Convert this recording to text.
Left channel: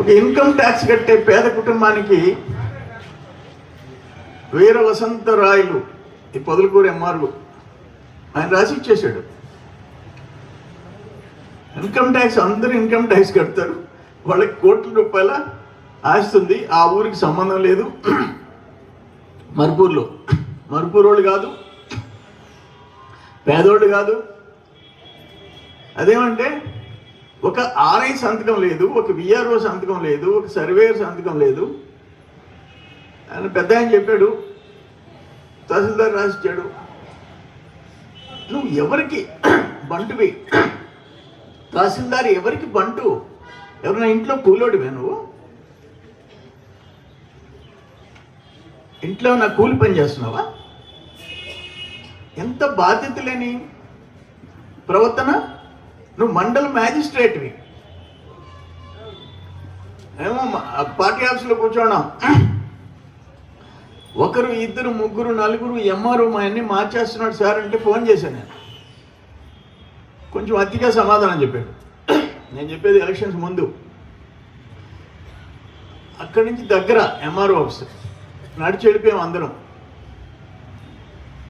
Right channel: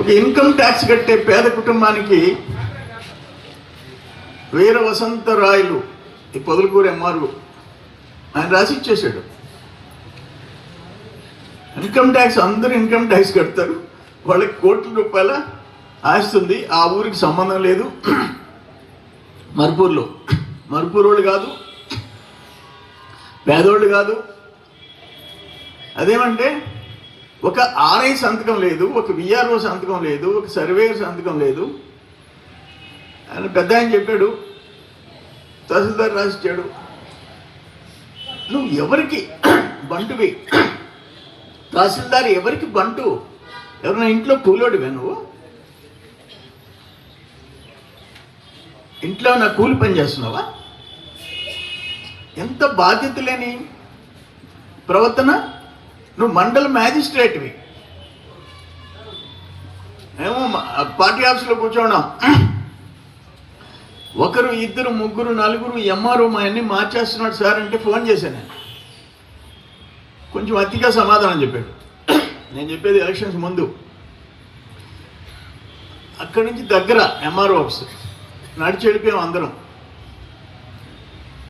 ఒక income tax కట్టే పేద కుటుంబానికి వీర వసంతరాయలు ఈ పొదలకూరు ఎంఆర్ఓ ఆయన రాసి ఇచ్చేసాడు. ఇన్కమ్ ట్యాక్స్ అందరూ ఇన్కమ్ ట్యాక్స్ కడతారు, వాళ్ళకి కోట్ల రూపాయల ఆస్తుంది, ఆ ఊరికి సంబంధం లేదు. మరుపూరు వాళ్ళు కాదు, పేదోళ్ళు కాదు. అదేమంటే ఒక ఆర్ఐ సంతకం లేదు, ఒక విఆర్ఓ సంతకం లేదు, ఒక సర్వేయర్ సంతకం లేదు. ఆయన పెద్ద ఆయన చెప్పాడు, తహసీల్దార్ రాసిచ్చాడు. నువ్వు ఎవరికి బంటువి? తహసీల్దార్ ఎవరికి బంటు? ఎవరైనా ఇంట్లో కూలోడివే నువ్వు? ఇంట్లో నా కూలి పని చేస్తున్నావా? ఎంత బాధ్యత లేని ప్రవర్తన. నువ్వు మండల మ్యాజిస్ట్రేట్వి, ఏమో పార్టీ ఆఫీస్లో కూర్చోవడం. ఒకరు ఇద్దరు ముగ్గురు నలుగురు ఎంఆర్ఓ మా అన్ని మార్చేస్తున్నాడు సార్ అంటే ఫోన్ చేశాను. కొంచెం అతిగా సమాధానం చెప్పాడు. నేను చెప్పేది ఎలక్షన్స్ ముందు. అక్కడి నుంచి దగ్గర ఎంఆర్ఓ ఆఫీస్ నడిచి వెళ్ళిపోయాం అందరం.